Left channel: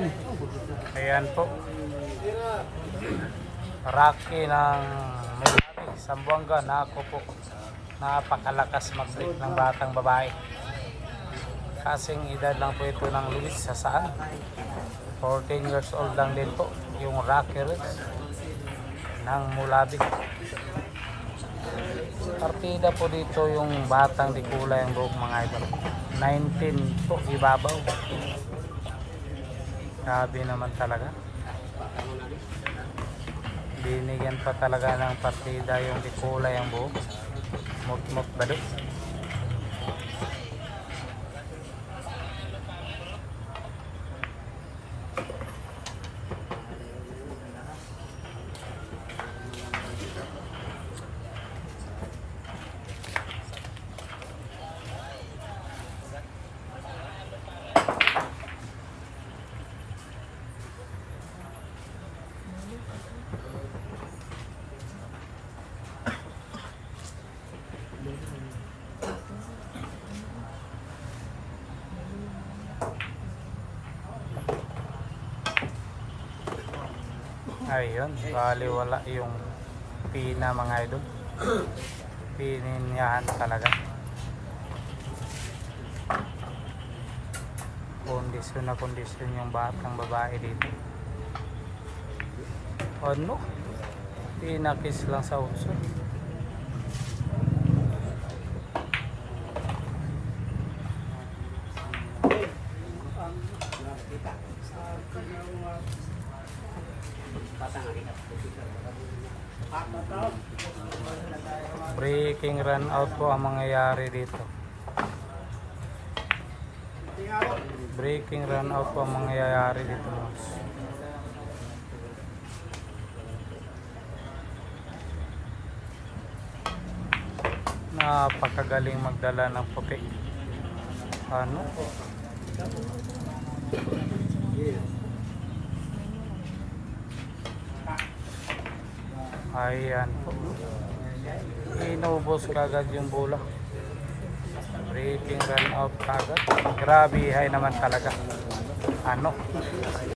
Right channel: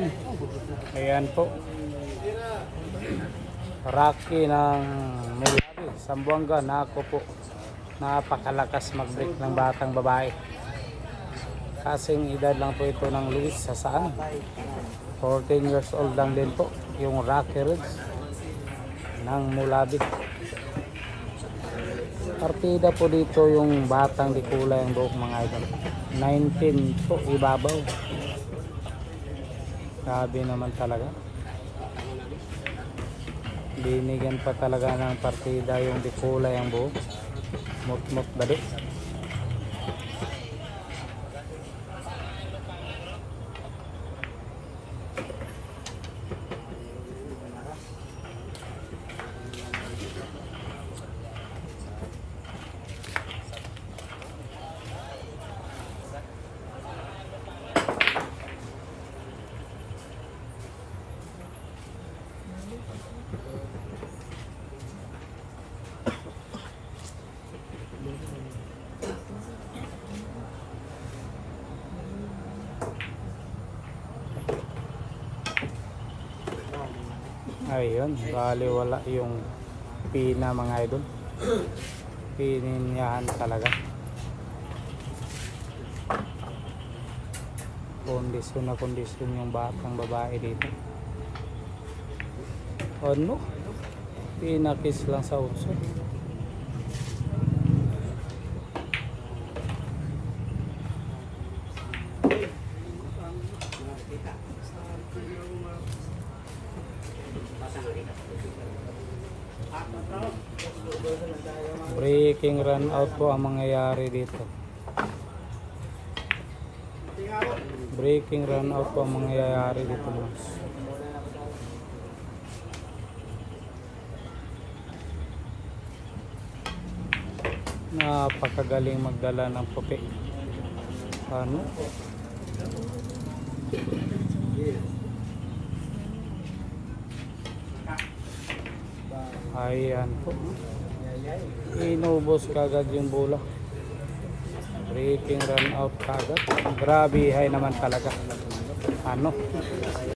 Ayan po. Rocky ng Milwaukee, Zamboanga. Nako po, napakalakas mag-break ng batang babae. Kasing edad lang po ito ng Luis sa saan. 14 years old lang din po yung Rocky Ridge ng Mulabi. Partida po dito yung batang di kulay ang buhok mga ito. 19 po ibabaw. Grabe naman talaga. Binigyan pa talaga ng partida yung di kulay ang buhok. Mukmuk balik. Ayun, bali wala yung pina mga idol. Pininyahan talaga. Kondisyon na kondisyon yung batang babae dito. Ano? Pinakis lang sa uso. Breaking run out po ang mangyayari dito. Breaking run out po ang mangyayari dito. Napakagaling magdala ng puti. Ano? Ayan po. Inubos kagad yung bola. Breaking run out kagad. Grabe hay naman talaga. Ano?